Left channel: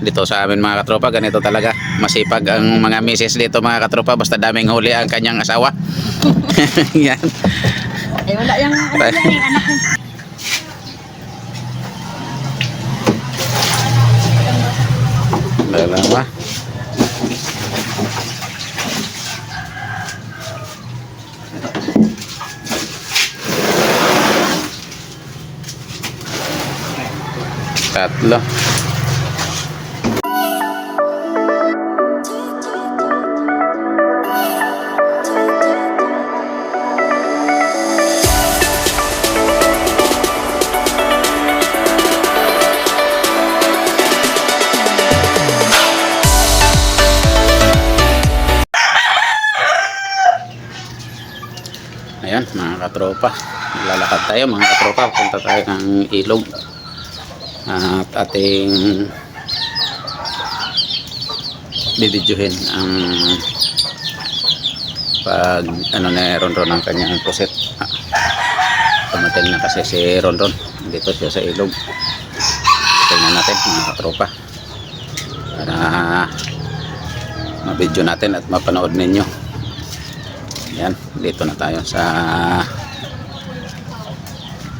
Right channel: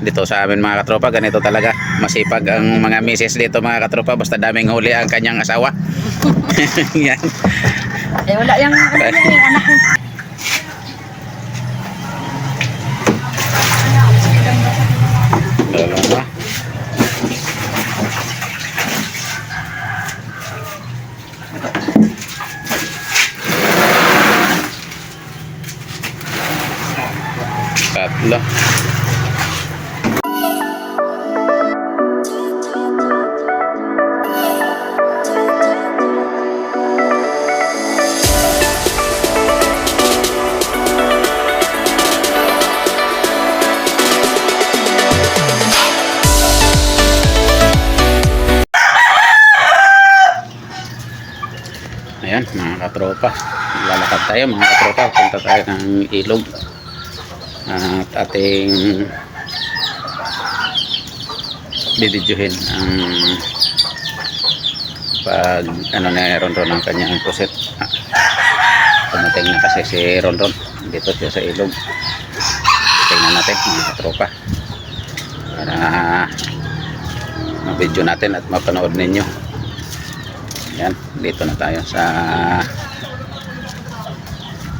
Dito sa amin mga katropa, ganito talaga. Masipag ang mga misis dito mga katropa, basta daming huli ang kanyang asawa. Yan. Eh wala yung anak niya. Dalawa. Tatlo. Ayan mga katropa, lalakad tayo mga katropa, punta tayo ng ilog at ating bibidyohin ang pag ano na Ronron ang kanyang puset. Tumating na kasi si Ronron dito siya sa ilog. Tingnan natin mga katropa para mabidyo natin at mapanood ninyo. Yan, dito na tayo sa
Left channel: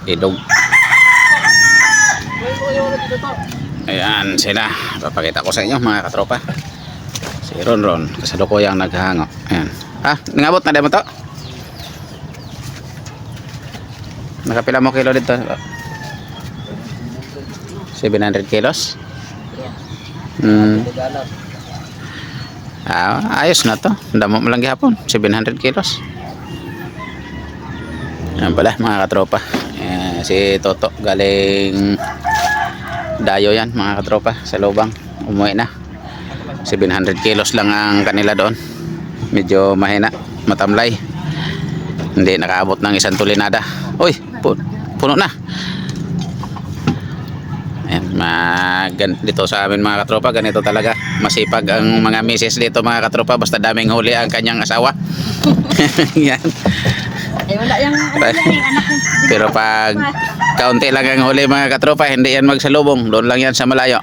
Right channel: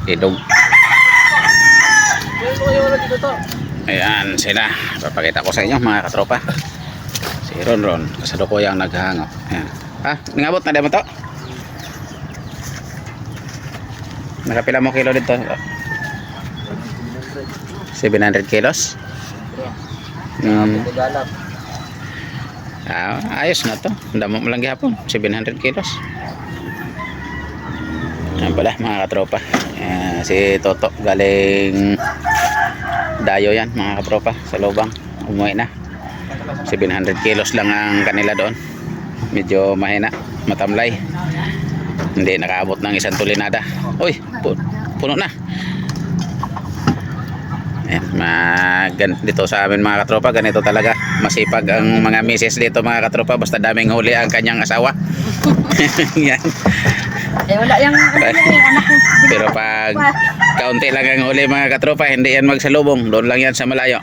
ilog. Ayan sila, papakita ko sa inyo mga katropa. Si Ronron kasalukuyang naghahango. Ayan. Nangabot na mo to? Nakapila mo kilo dito? 700 kilos? Ayos na to, damo mo lang gihapon 700 kilos. Yan pala mga katropa, si Toto galing Dayo yan mga katropa sa Lubang, umuwi na. 700 kilos lang ang kanila doon, medyo mahina, matamlay, hindi nakaabot ng isang tulinada. Uy, puno na. Ayan, dito sa amin mga katropa, ganito talaga. Masipag ang mga misis dito mga katropa, basta daming huli ang kanyang asawa. Yan. Eh wala yung anak niya. Pero pag kaunti lang ang huli mga katropa, hindi yan magsalubong, doon lang yan sa malayo.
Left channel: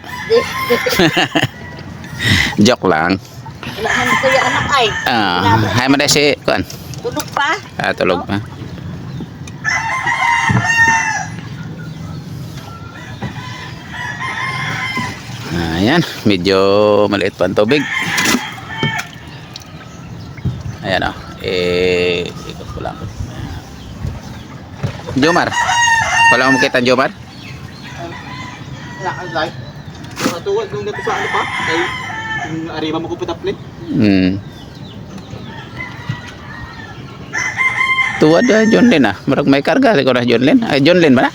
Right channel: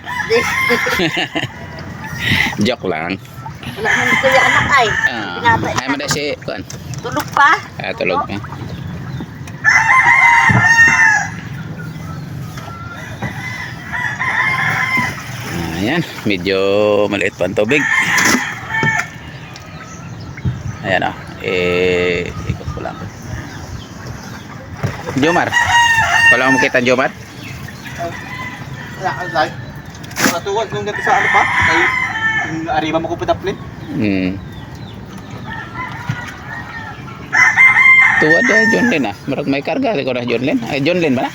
Joke lang. Wala man kuya anak ay. Hay man si kuan. Tulog pa? Tulog pa. Ayan, medyo maliit pa ang tubig. Ayan o, ikot ko lang. Jomar, wala mo makita Jomar? Matuwag nung dito sa ano pa? Ay, yung arima mo ko pataplin. Tuwad ya John Lin marag may karga ko na John Lin. Ay John Lin ba na?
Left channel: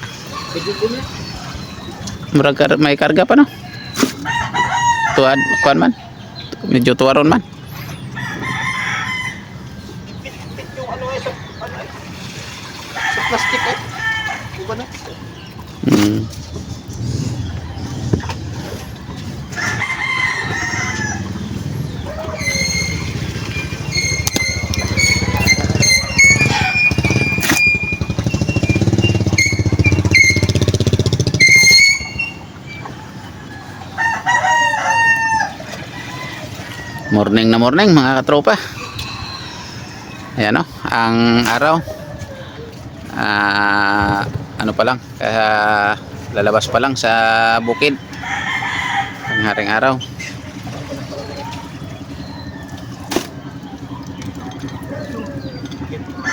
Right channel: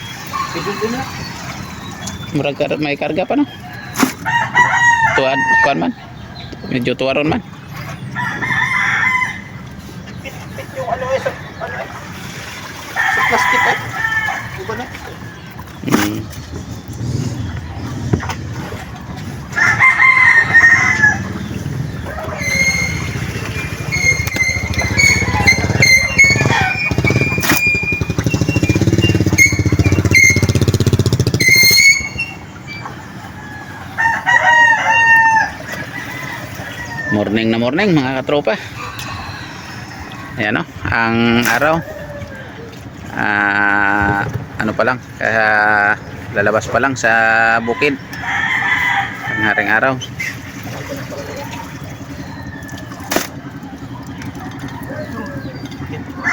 Marag may karga pa no? Tuwad kuan man. Medyo tuwaron man. Yung ano sa plastic eh. Diba na? Morning na morning mga katropa. Ayan o, ang araw ano pa lang, lalabas pa lang sa bukid ang haring araw.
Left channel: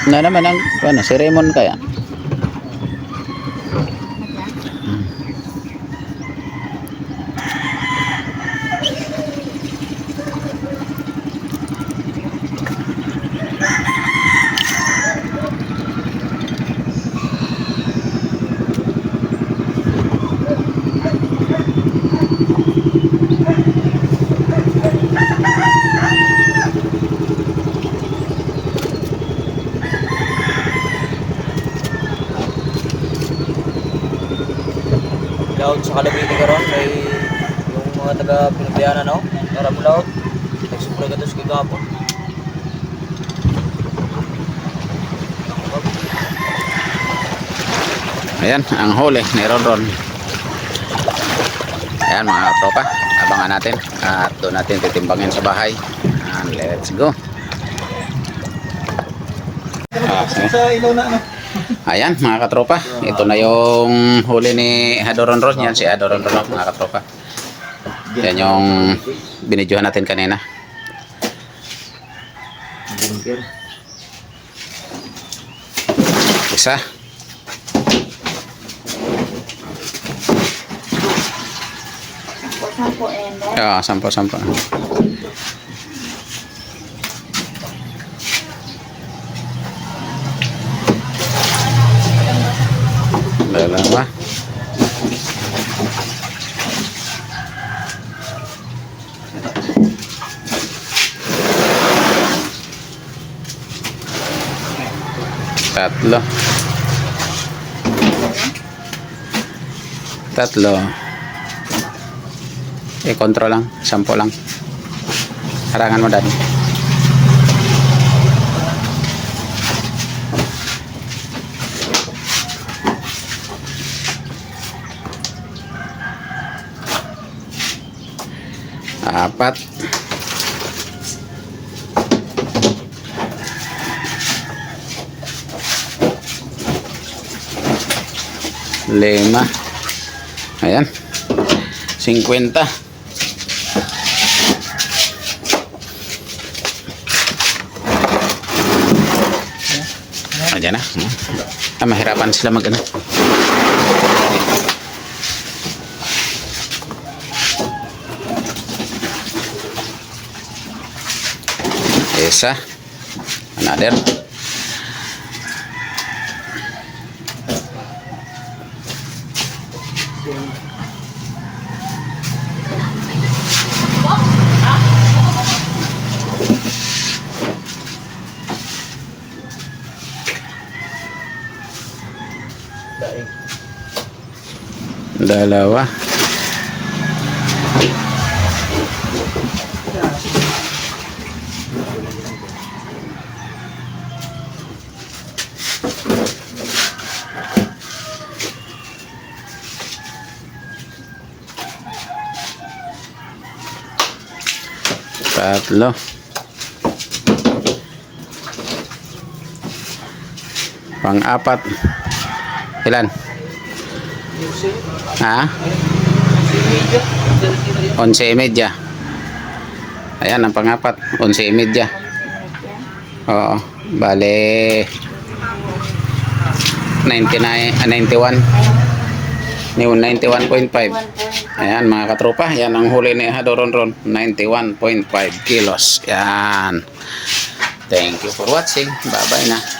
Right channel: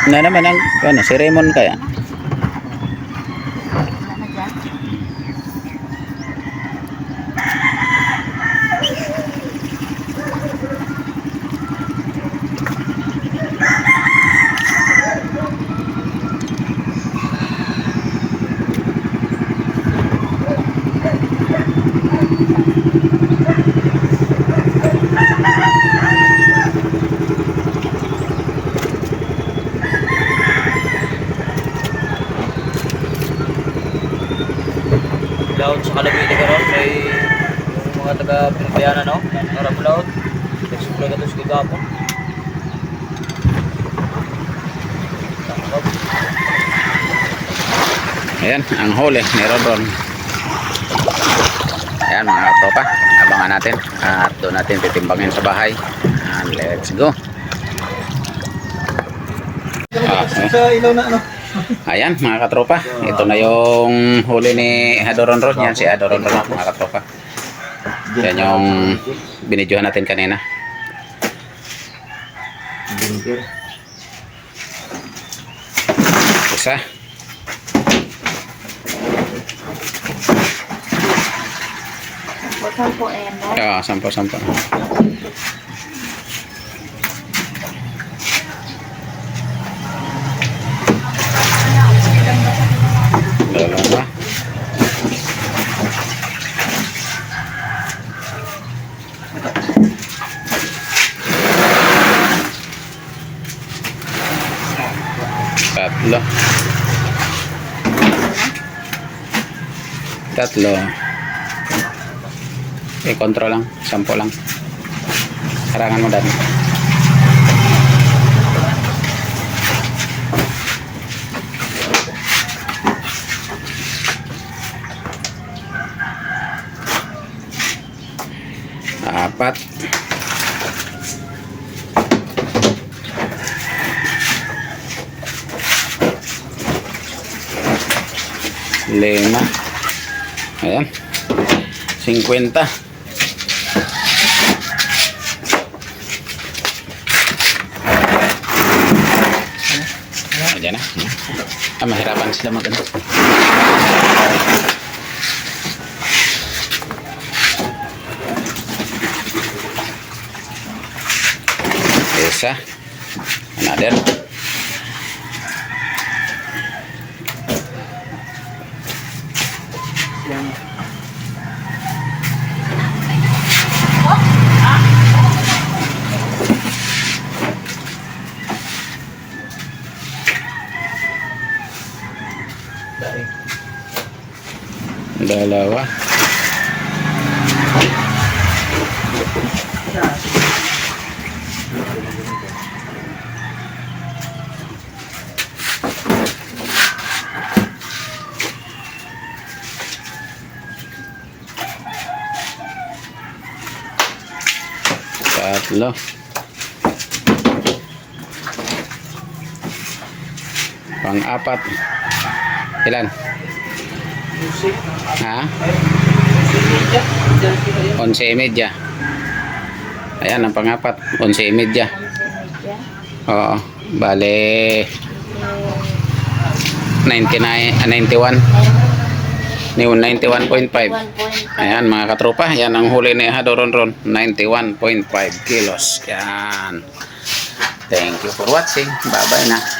Na naman ang ano, si Raymond kaya Loud sa Kalabili karon may yung mga taga Pilipiana no. Meron loud. Explore gatos kagapo. Ayan ang huli ni Ronron. Ayan mga katropa, abangan natin at doon natin titimbangin sa bahay. And let's go. Sa ilaw na ano? Ayan mga katropa, ito na yung huli ni Adoronron. Yan si Adoronron mga katropa. Yan yung binidyohan natin kanina. Isa. Oo, sampo. Dalawa. Tatlo. Kontrol lang, 10 lang. Harangan mo dati. Apat. Lima. Ayan. 50. Ayan na. Mahirapan sila mag-ano. Isa. Another. Dalawa. Tatlo. Pang-apat. Ilan? Ha? 11:30. Ayan ang pang-apat. 11:30. Oo. Bale 91. 91.5. Ayan mga katropa. Yan ang huli ni Adoronron. 91.5 kilos. Yan. Thank you for watching. Bye bye na.